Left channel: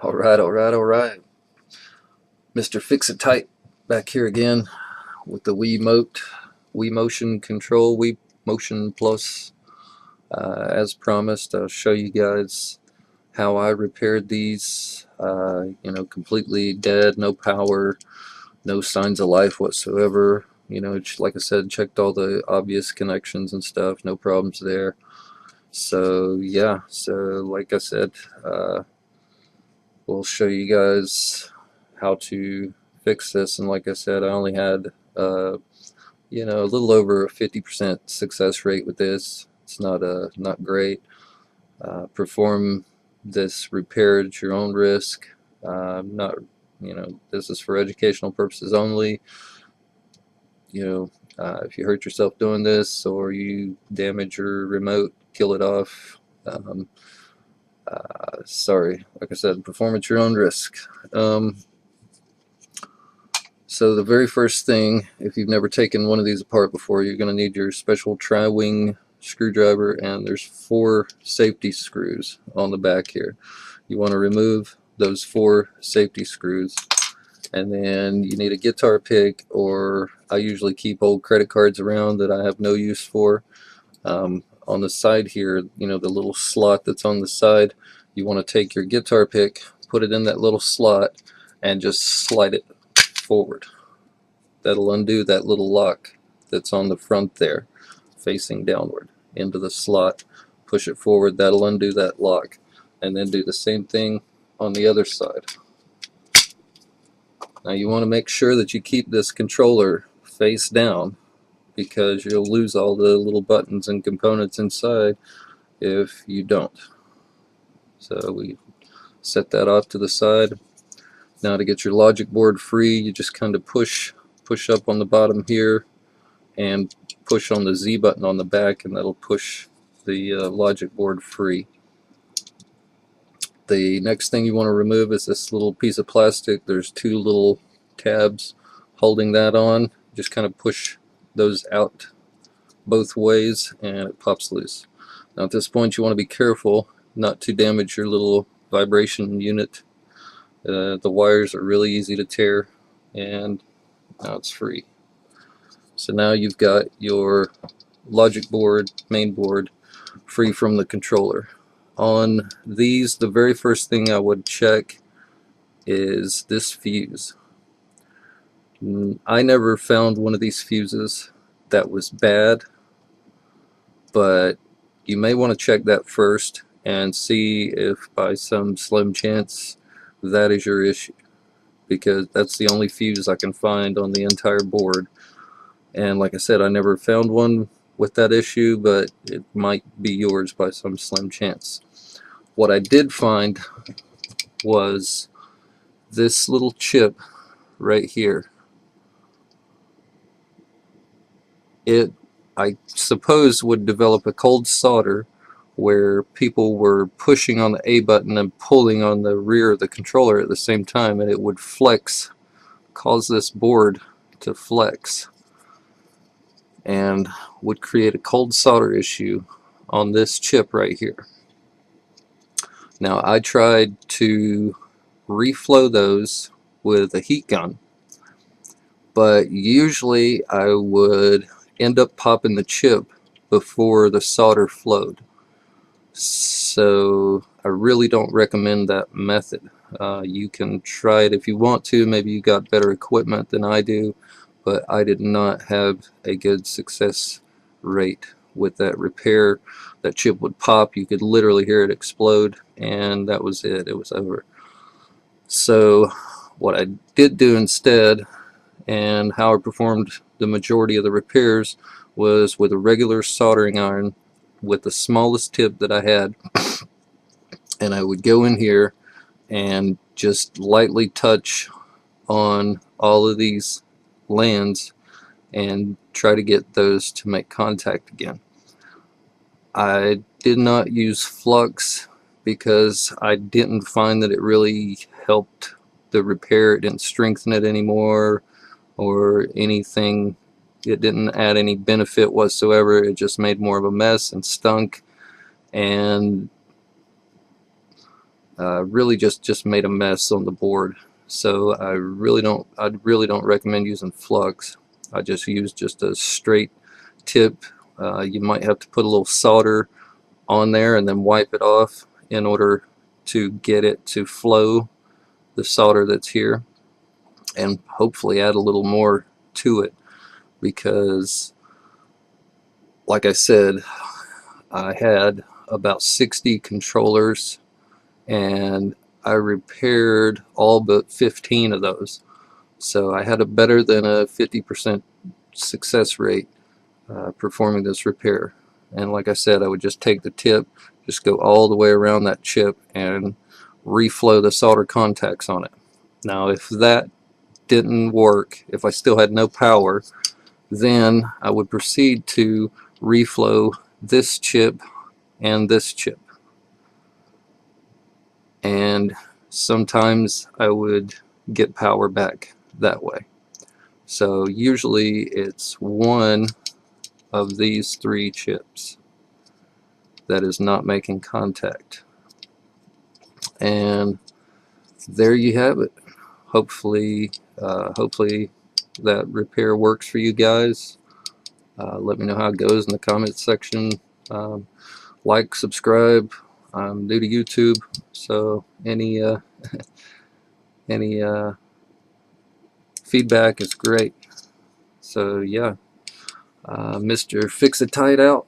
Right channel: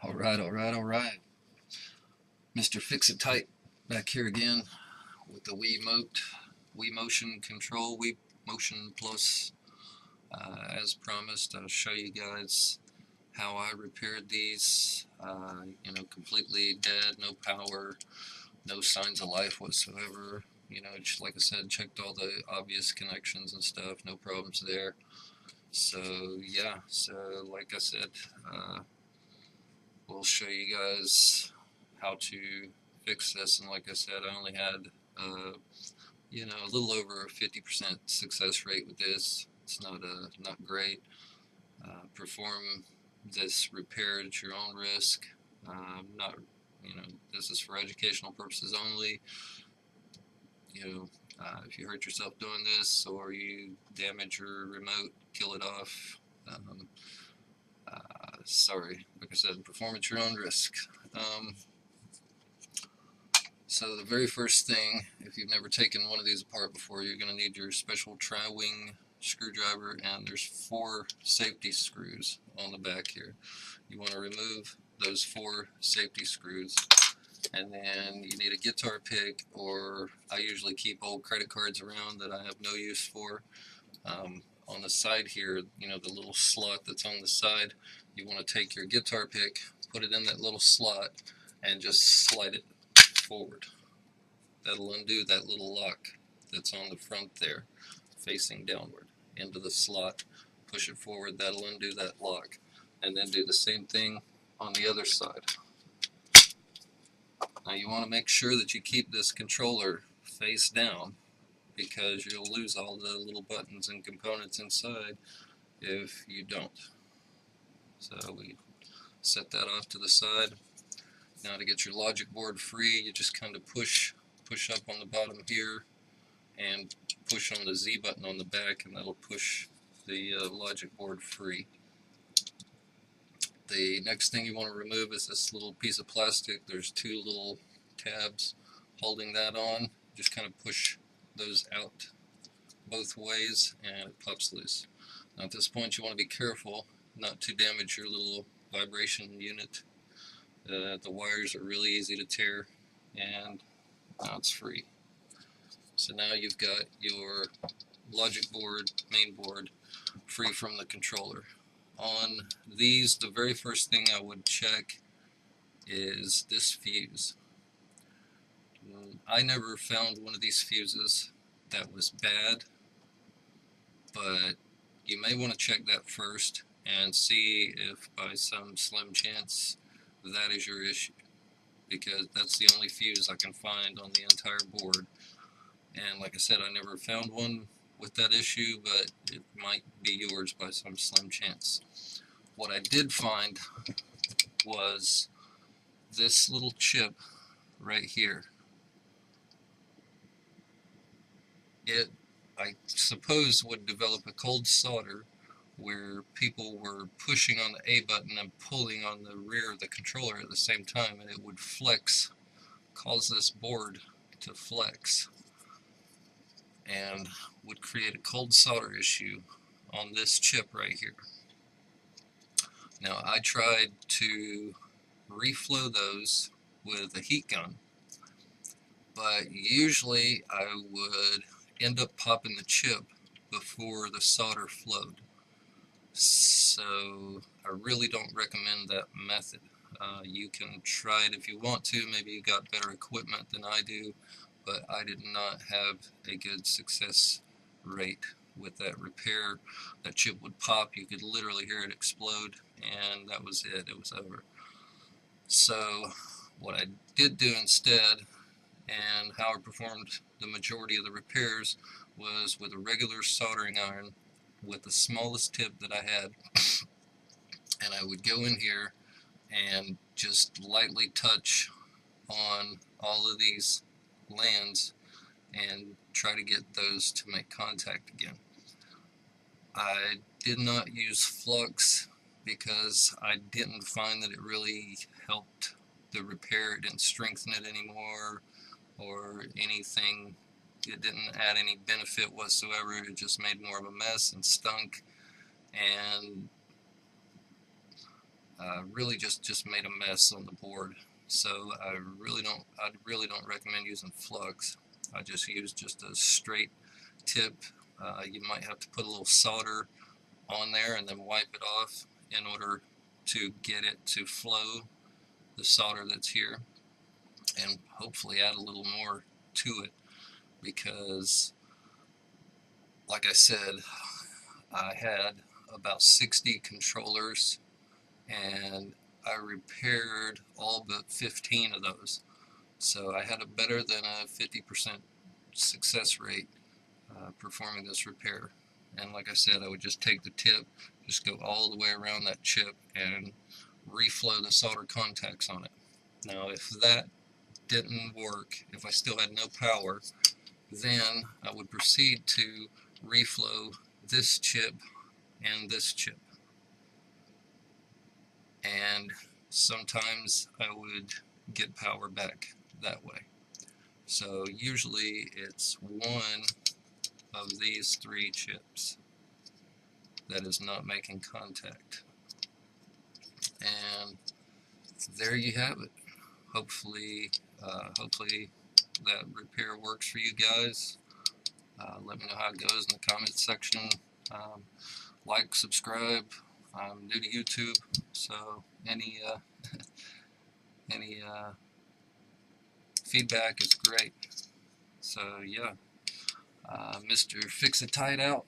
All right. Mr. Fix-It-Tight back here again with the WiiMote, WiiMotion Control, WiiMotion Plus. As promised, I'll show you guys how I repaired these. Completely dead, no power, no signs of life whatsoever. Like I said, checked all the obvious connections and stuff, no problems there. So yeah, like I said, we'll show you guys how to fix this. And like I said, I only had a little over a 50% success rate with this. It's not great. Perform this repair at your own risk. Not This is for educational purposes only. If you hurt yourself doing this or you damage your remote, kill it off. Sorry, like I said, perform at your own risk. So the very first thing, if you've never taken one of these apart before, you're going to need your special tri-wing screwdriver, and there's 4 safety screws on the back here. You want to remove those 4 safety screws, and then you need a guitar pick, or I usually keep old credit cards around that I have no use for. On the side here, the little slot that's on the side, you want to take your guitar pick, put it in that little slot, and just slide it forward. That'll undo that little lock that's on the front there, facing downward into the slot. Push it forward, that'll undo that lock, and then do the same thing on the other side. Now you want to make sure that you keep this controller face down, because you'll lose all the little buttons and components inside if you don't. So we set that off to the side. Now to get your logic board free, you just kind of push up on the bottom here and push on the Z button on the back, and that'll push the logic board free. The next thing you want to remove is this little piece of plastic. There's 2 little tabs holding that on. Just kind of push those out both ways and it pops loose. Now at this point you want to be careful not to damage your little vibration unit. The wires are really easy to tear, and now it's free. So now you've got your logic board, main board, free from the controller. On these, the very first thing I would check is this fuse. I never found one of these fuses that was bad, but you may want to check that first and see if by some slim chance that is your issue, because that's the only fuse I can find on the entire board. And like I said, I never found one with that issue, but it might be yours by some slim chance. What I did find was this little chip right here. It, I suppose, would develop a cold solder where people were pushing on the A button and pulling on the rear of the controller at the same time, and it would flex, cause this board to flex, and would create a cold solder issue on this chip right here. Now I tried to reflow those with a heat gun, but usually I would end up popping the chip before the solder flowed. So I really don't recommend that method. You can try it if you want to. Maybe you got better equipment than I do, but I did not have a good success rate with that repair. That chip would pop, you could literally hear it explode, and that was it. It was over. So what I did do instead, and how I performed the majority of the repairs, was with a regular soldering iron with the smallest tip that I had, and I would go in here and just lightly touch on all of these lands and try to get those to make contact again. I did not use flux because I didn't find that it really helped the repair. It didn't strengthen it anymore or anything. It didn't add any benefit whatsoever. It just made more of a mess and stunk. And really just made a mess on the board. So I really don't recommend using flux. I just use just a straight tip. You might have to put a little solder on there and then wipe it off in order to get it to flow, the solder that's here, and hopefully add a little more to it, because like I said, I had about 60 controllers and I repaired all but 15 of those. So I had a better than a 50% success rate performing this repair. And like I said, I would just take the tip, just go all the way around that chip and reflow the solder contacts on it. Now if that didn't work, if I still had no power, then I would proceed to reflow this chip and this chip. And sometimes I would get power back that way. So usually it's one of these three chips that is not making contact. And there you have it. Hopefully that repair works for you guys. Let me know how it goes in the comments section. Like, subscribe. I'm new to YouTube, so any feedback is great. So yeah, Mr. Fix-A-Tight out.